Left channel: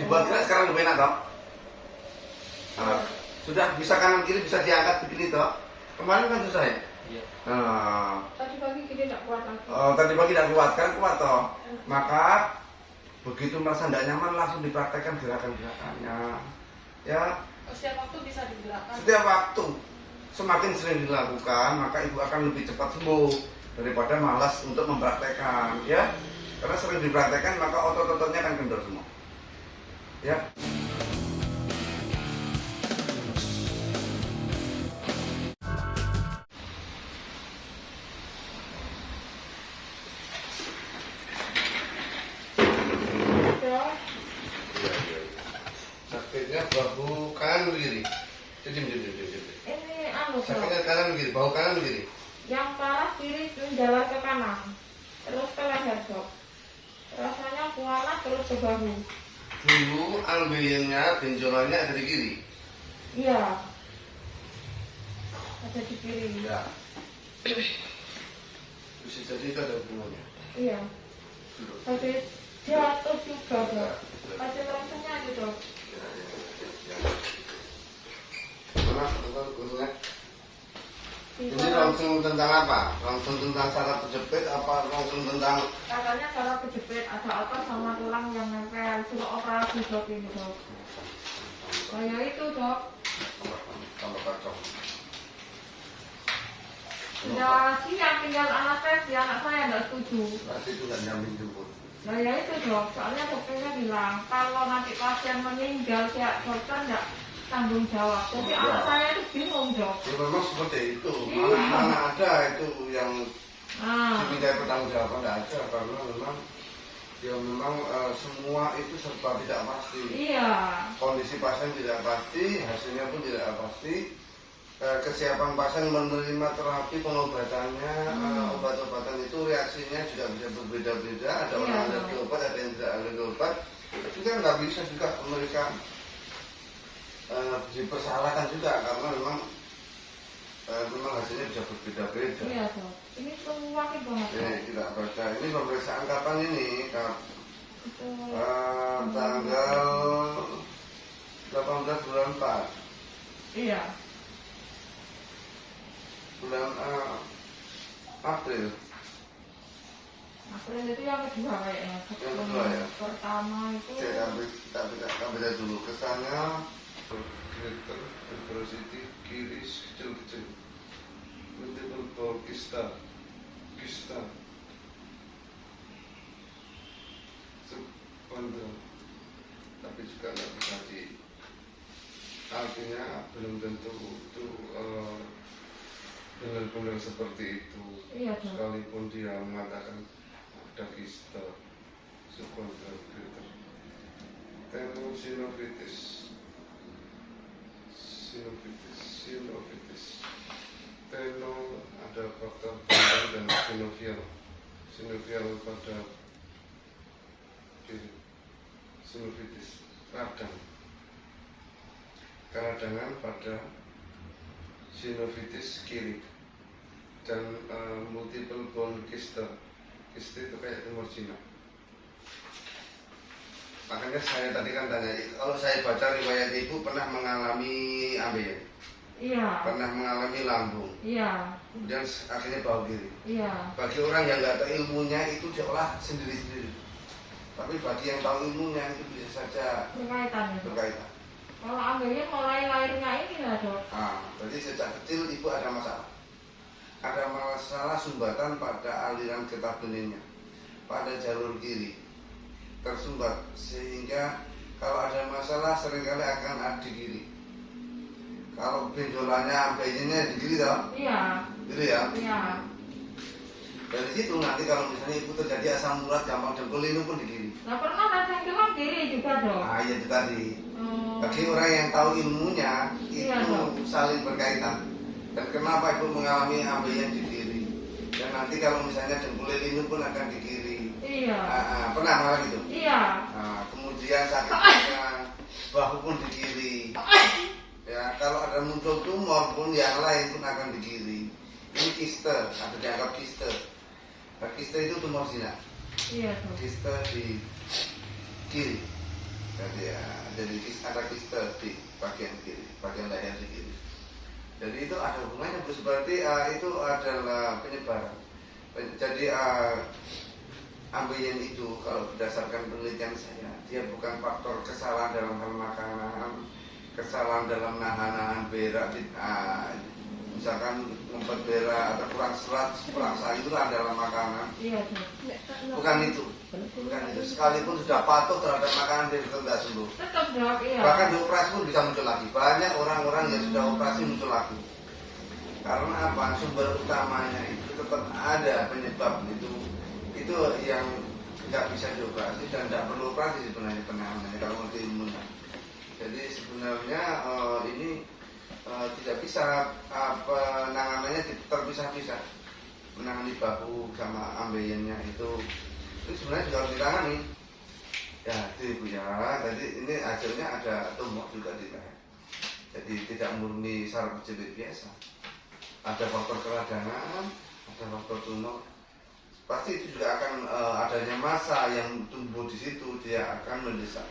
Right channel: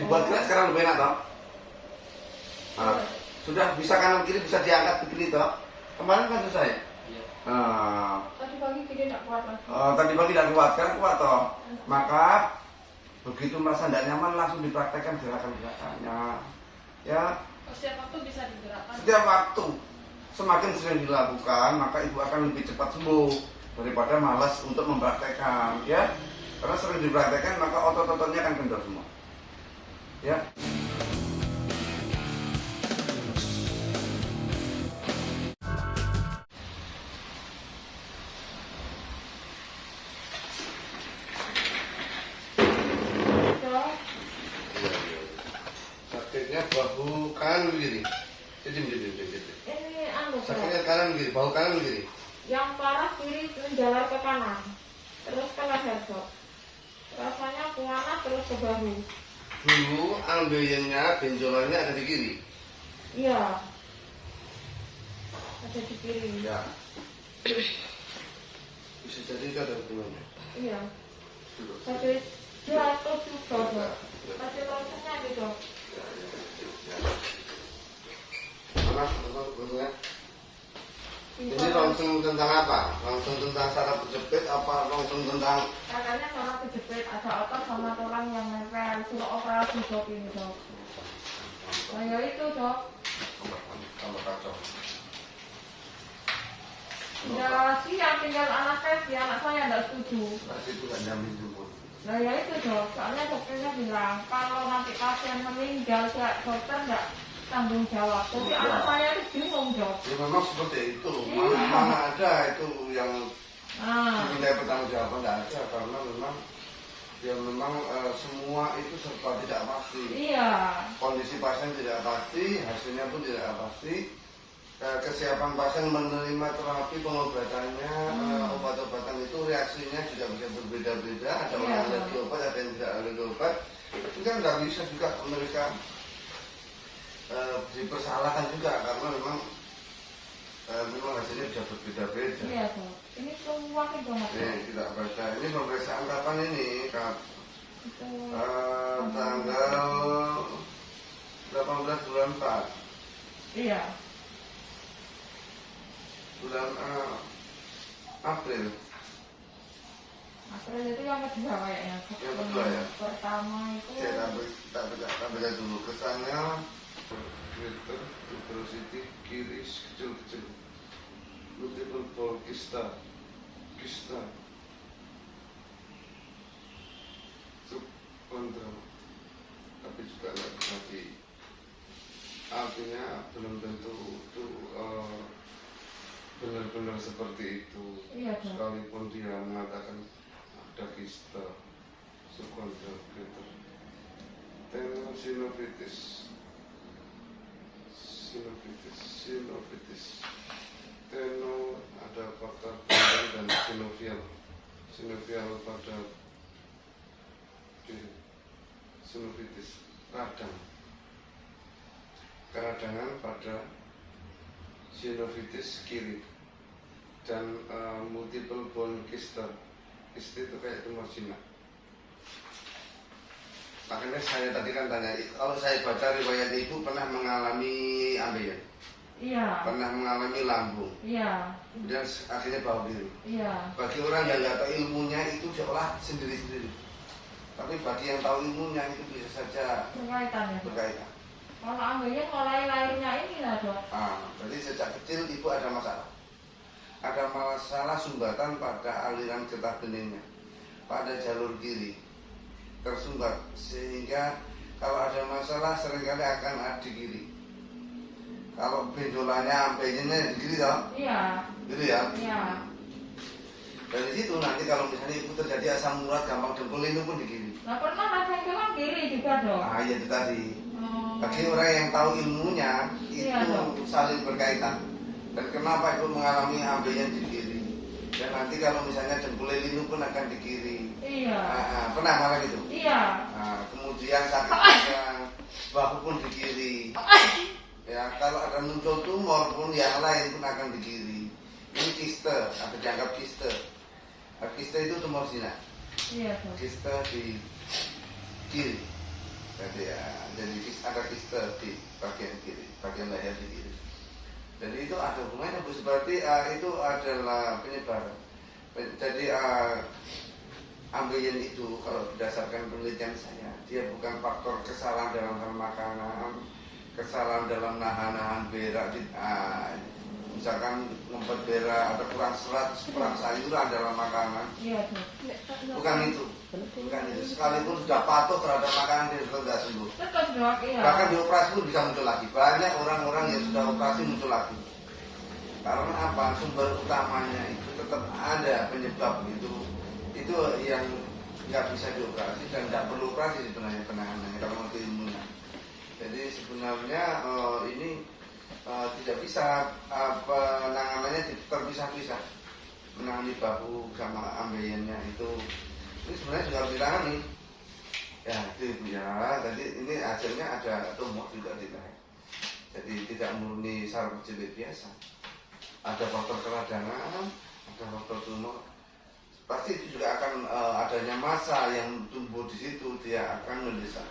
Dibuat gerak sekarang lebih enak toh. Nah, sudah bisa kanan kiri bisa diangkat begini toh. Kemarin kan susah ya. Tadi pagi kita tidak kuat lagi. Tadi pagi tidak kuat, sekarang kuat toh. Maka begitu merasa tidak nyaman langsung dipraktekkan gerakan-gerakannya. Ya, Setiap waktu bisa digerakkan. setiap waktu semakin sering dilakukan maka ibu akan lebih cepat sembuh daripada malas untuk mempraktekkan, ya. Karena sering dipraktekkan maka otot-ototnya akan kendor semua. Ya. Sakitnya bahu kanan begini. Jadi. Ini anu Sakitnya kanan begini, bahu kanan begini. yang parah kiri menjalar ke kanan, terus ke leher dok. Rasanya panas terus ke bahu. Dulu ambeyennya, benjolannya ada di kiri. Iya. Ada di kiri. Ya. Bisa jadi itu ada hubungannya. Iya. Tadi jatuh juga dok. Tadi langsungnya gitu dok. Mana untungnya? Ini langsung tentang apa? Langsung tentang saraf kejepit apa langsung tentang Katanya kalau kejepit ada otot sama tulang yang nempel. Suruh operasi dok ini dok. Kayak itu dok. tambah kacau? Ya siap tinggal anestesi, anak saya nggak setuju. Pasti itu nggak jamin jemput. Nah ya itu dok, soalnya dokternya bilang kalau nanti pasien meninggal ya dokter nggak tanggung jawab. Tapi anak saya itu bingung dok. Ya memang seperti itu. Iya. Mana ada itu yang Nah, diminta pertanggung jawaban, nggak ada karena memang ya memang semua itu serba tidak pasti. iya, Kondisi pasien tidak pasti, hasilnya pun tidak pasti. Kesiapan pasien menerima terapi pengobatannya, obat-obatan itu reaksinya juga bisa berbeda-beda. Ada Iya, orang Dok. alergi obat, ada yang tidak alergi obat. Itu kan nggak bisa juga mereka dipersalahkan juga karena memang hasilnya bisa berbeda-beda. iya dok. Ini semua kan banget dok. Ini tidak baca. Ini pemeriksaan kapan ini? Itu Tanggal 18 bulan 4. iya, Bulan April. April itu yang kedua kayaknya. Yang kedua, ya. Pertama itu Kita beda dulu kesannya. Greater velocity kiri kecil-kecil. Multiple ball kista. Subkondral. Tapi juga nggak bisa artinya belum tentu itu benar-benar seperti itu. iya dok. Sekalipun dia mengatakan ada kista subkondral greater. Tenosinovitis. Teno ada faktor tendon dan sinovial pada sinovitis keradangan pada sinovitis kiri dan multiple bone kyst itu kayak tumor jinak. Makanya saya tadi kan tanya, kalau saya baca riwayat ibu pernah mengalami ambeien, Iya, pernah mengalami lambung, iya, kemudian akhirnya bahu kiri. iya, Bagi orang yang nggak tahu ilmunya itu seolah sendiri-sendiri. Tapi bagi yang tahu ilmunya itu bisa saja berkaitan ya dok. berkaitan. Kalau ambilnya mulai lahirnya ini lah dok. Jadi sejak kecil ibu ada masalah. Ada masalah sumbatan pada aliran getah benihnya, pada jalur kiri tersumbat, sehingga kalau ada masalah seringkali akan ada di kiri. Kalau benjolannya sampai ini di kiri toh? Iya, Gitu ya? iya, Dari situ nanti kalau misalnya ibu terjadi asam urat gampang dengkul ini pun di kiri. nggak pernah ada yang kiri juga dok. Nah itu tadi. Hmm. Bagi orang yang tahu ilmunya Iya, itu Dok. saling berkaitan. Dan kenapa ibu mengalami ambilnya di kiri? Dan nanti kalau misalnya dengkul ini pun akan di kiri. Iya, Pernah malah gitu. iya, Kemudian sakitnya bahu pun di kiri. Ya, kalau ada muncul tumor pun yang lain pun akan di kiri. Ini kiste, ada dianggap kiste. Kiste itu tumor jinak. iya dok. Kiste di kiri. Jadi ya, jadi ada kiste di bagian kiri, bagian leher di kiri. Jadi itu ada hubungannya Bu, seperti itu adalah penyebaran. Jadi ambeien itu kalau berdasarkan penelitian saya, dia bukan faktor kesalahan dalam hal makanan, kesalahan dalam nahan berak, misalkan ngumpet berak atau kurang serat, kurang sayuran dalam makanan. Iya, Bukan itu. Bukan itu. Sekalipun sudah patuh terhadap makanan dia tidak sembuh. tetap dok, iya. Bahkan di operasi pun bisa muncul lagi. Banyak orang-orang yang sudah operasi muncul lagi. Karena apa? Sumber utamanya itu tetap ada penyebab itu yang nggak bisa dioperasi dan tidak perlu operasi sebenarnya penanganannya kalau mau diimunkan. Jadi sebenarnya ini tidak bisa penanganannya terpisah-pisah. Menangani bahu sama ambeiennya itu sebenarnya juga harus ditangani. Ya itu Ibu ya. Jadi ini hasilnya ada tumor juga di leher. Jadi tidak murni saraf kejepit biasa. Ada faktor keradangan, ada faktor tumor. Pasti itu juga akan adanya massa yang tumbuh di situ, dia akan mendesak.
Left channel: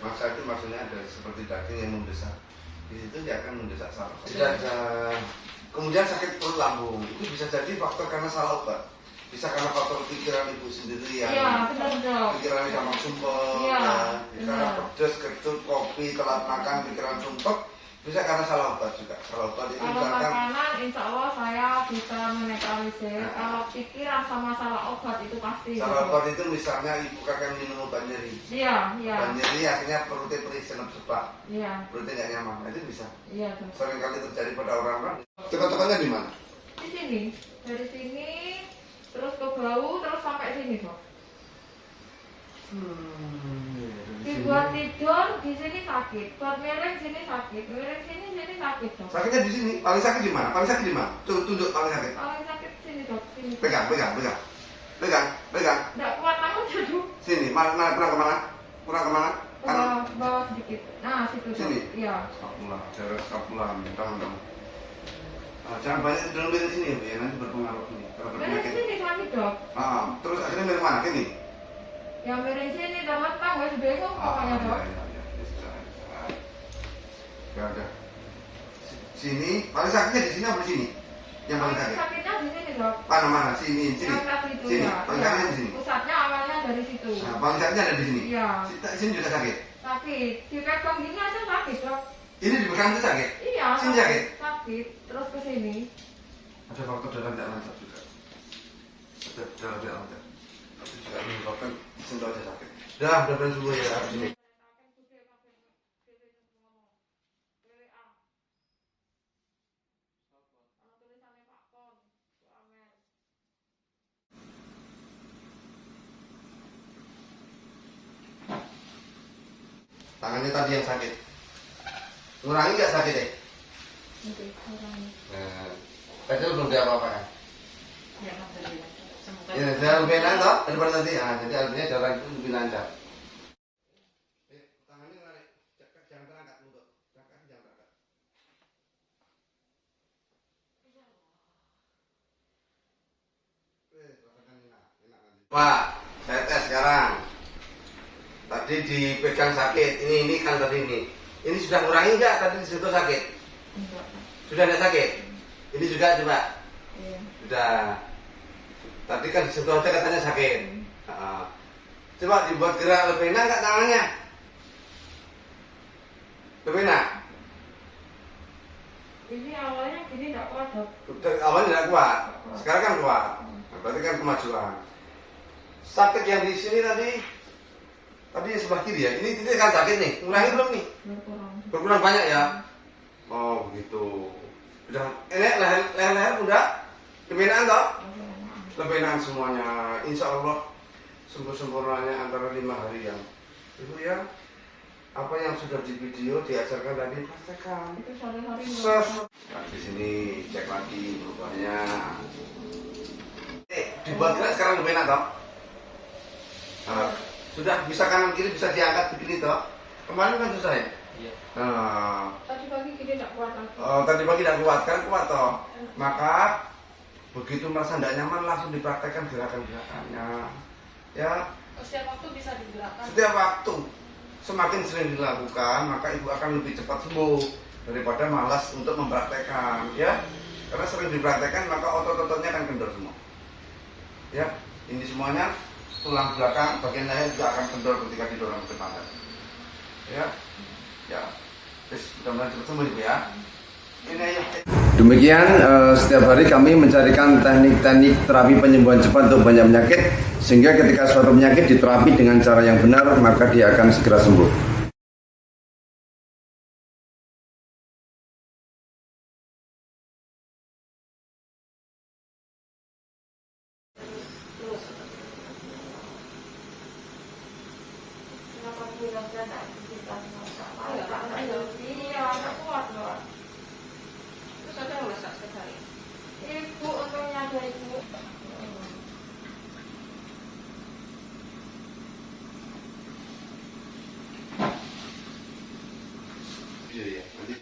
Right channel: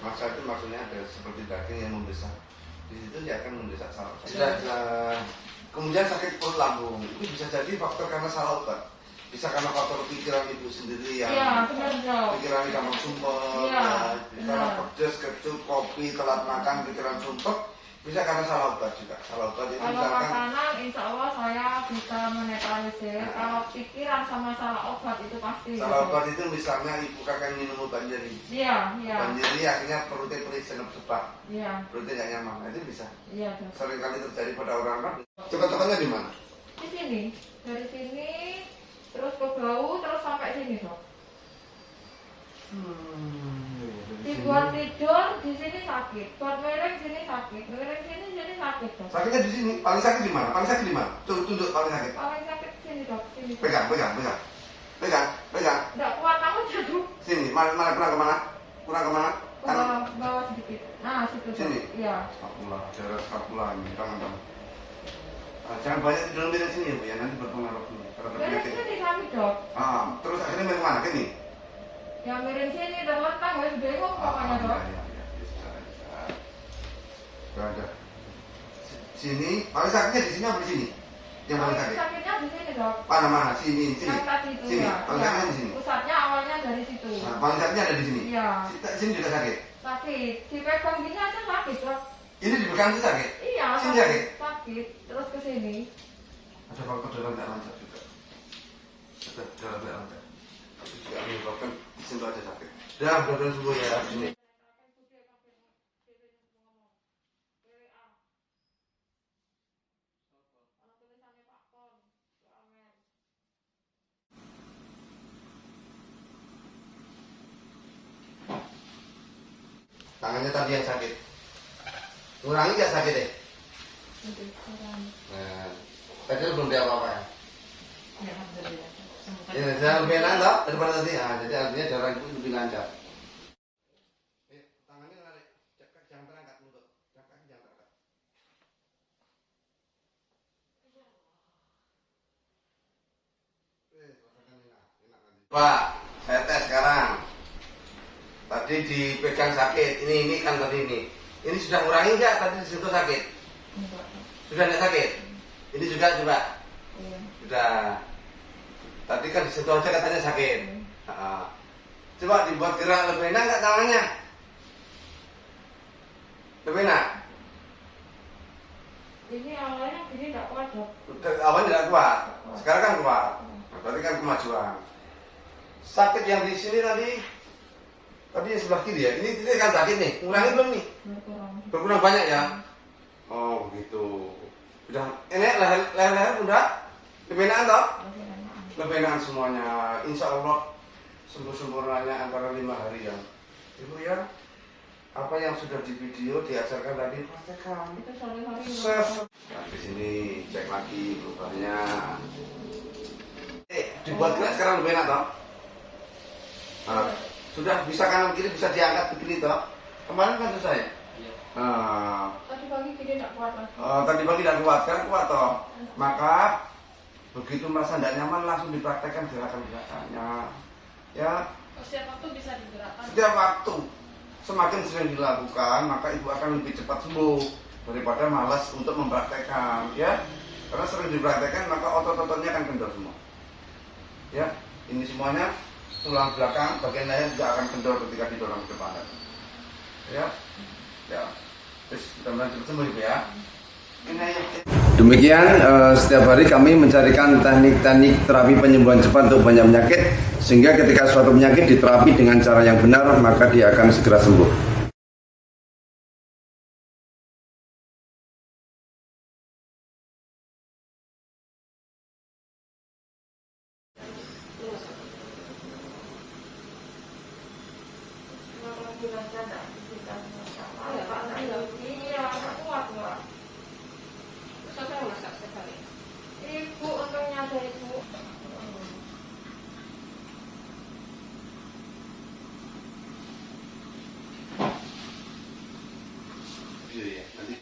Massa itu maksudnya ada seperti daging yang membesar. Di situ dia akan mendesak saraf. Kemudian sakit perut lambung itu bisa jadi faktor karena salah obat. Bisa karena faktor pikiran Ibu sendiri yang pikirannya gampang sumpah, karena pedas, kecut, kopi, telat makan, pikiran sumpah. Bisa karena salah obat juga. Salah obat itu kalau misalkan makanan, insya Allah saya bisa menetralisir. Kalau pikiran sama salah obat itu pasti. salah obat itu misalnya Ibu akan minum obat nyeri. Iya, iya. Obat nyeri akhirnya perutnya perih senep sebab. Iya. Perutnya nggak nyaman. Nah, itu bisa. Iya, dok. Sering kali terjadi pada orang-orang. Cekot-cekotnya di mana? Di sini, dari sini terus ke bawah terus sampai sini dok. Dibuat tidur di sini sakit, buat miring sini sakit, miring sini sakit dok. Sakitnya di sini. Paling sakit di mana? Paling sakit di mana? Tunjuk paling sakit. Paling sakit sini dok, sini. Pegang. Tidak kuat aku jatuh. Sini. Mana kurang kemana? Ke bawah sedikit. Nah situ dok. Sini? Iya. Skapula, daerah skapula, tangan. Jangan banyak tidur miring sini ya Bu ya, nanti berpengaruh nih. Miring sini sakit dok. Terus akhirnya miring mana? Sini? Ya miring sini teman tang ya sudah kok pokoknya dok. Ada. Sini, paling sakitnya di sini apa di sini? Yang paling sakit? Sakitnya di sini dok. Mana? Sini. Yang tadi itu Sini, ya. paling sakitnya di sini. Pusatnya awalnya dari situ. Nah, paling sakitnya ada di sini. Iya. Sini juga sakit. Sakit. Dipegang gini aja sakit dok. Ini dipegang itu sakit. Iya. Sini sakit. Sakit. Terus ke sini. Ada faktor darah tidak lancar juga. Ada darah tidak lancar. Itu juga menyebabkan sini aja sakit. Udah sembuh ya di sini. Tangannya tadi yang sakit. Ngurangi nggak sakit deh? Nah, tadi belum dia apa-apa kan? Ya, alhamdulillah. Ya, jangan lebih enak toh daripada tadi. Jadi artinya darah itu lebih lancar. Tangannya narik, jangan terangkat untuk, kaki jangan terangkat. Pak, saya tes sekarang. Tadi dipegang sakit, ini kan tadi ini. Ini sudah ngurangi nggak tadi di situ sakit? Sudah tidak sakit? Ini juga coba. Iya. Sudah. Tadi kan di situ aja katanya sakit. Coba dibuat gerak lebih enak nggak tangannya? Lebih enak? Ini awalnya gini tidak kuat dok. Awalnya tidak kuat. Sekarang kan kuat. Nah, berarti kan kemajuan. Sakit yang di sini tadi sebelah kiri ya. Ini kan sakit nih. Ngurangi belum nih? Berkurang banyak ya. Oh gitu. Udah. Ini leher udah. Lebih enak toh? Lebih enak semuanya. Insya Allah sempurnanya antara 5 hari yang itu ya. Apa yang sudah di video diajarkan tadi praktekkan. Itu sehari-hari. Nah, di sini cek lagi perubahannya. Dibuat gerak sekarang lebih enak toh? Sudah bisa kanan kiri bisa diangkat begini toh? Kemarin kan susah ya? Iya. Nah, Tadi pagi gini tidak kuat lagi. tadi pagi tidak kuat, sekarang kuat toh. Maka begitu merasa tidak nyaman langsung dipraktekkan gerakan-gerakannya. Ya. Setiap waktu bisa digerakkan. Setiap waktu. semakin sering dilakukan maka ibu akan lebih cepat sembuh daripada malas untuk mempraktekkan, ya. Karena sering dipraktekkan maka otot-ototnya akan kendor semua. Ya, ini semuanya tulang belakang bagian leher juga akan kendor ketika didorong ke depan. Ya, ya. Terus mudah-mudahan cepat sembuh ibu ya. Ini aja. Demikian setiap hari kami mencarikan teknik-teknik terapi penyembuhan cepat untuk banyak penyakit, sehingga ketika suatu penyakit diterapi dengan cara yang benar maka dia akan segera sembuh. Kenapa bilang saya tak aktivitas sama? Iya, tak kuat loh. Terus apa yang masak sekali? Ibu untungnya dari ibu. Iya ya, nanti